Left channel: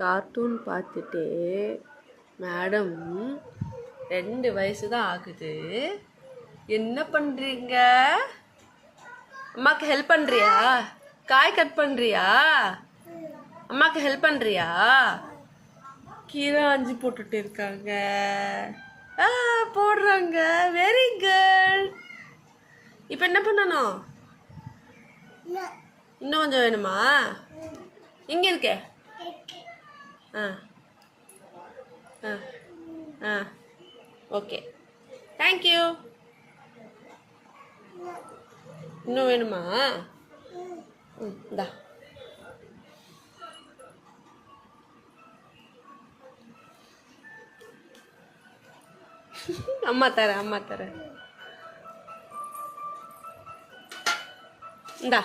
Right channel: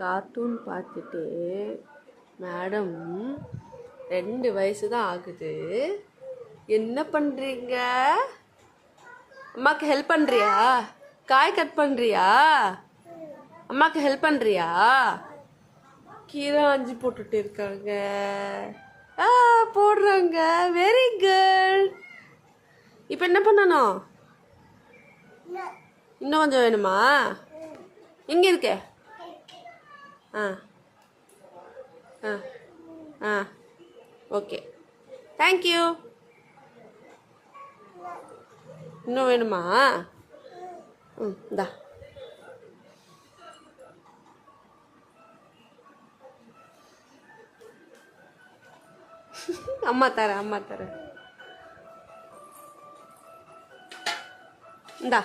Cartoon பார்த்துட்டு madam 2 வயசு தான் ஆகுது. என்ன பண்ணுறீங்க? அம்மாவுக்கு ஹெல்ப் பண்ணுறியா? காய் கட் பண்ணுறியா? அம்மாவுக்கு ஹெல்ப் பண்ணுறியா? கீரை ஆஞ்சி போட்டுட்டு இருக்காங்க. போடுறாங்க. Very good. இப்போ என்ன பண்ணணும்? இன்னும் கொஞ்சம் வேணுமா? எங்கே இருக்க? ஆ ஆ ஆ ஓகே, தேங்க்யூ. இன்னும் வேணுமா? இந்தா. அம்மா தரேன். இந்தா.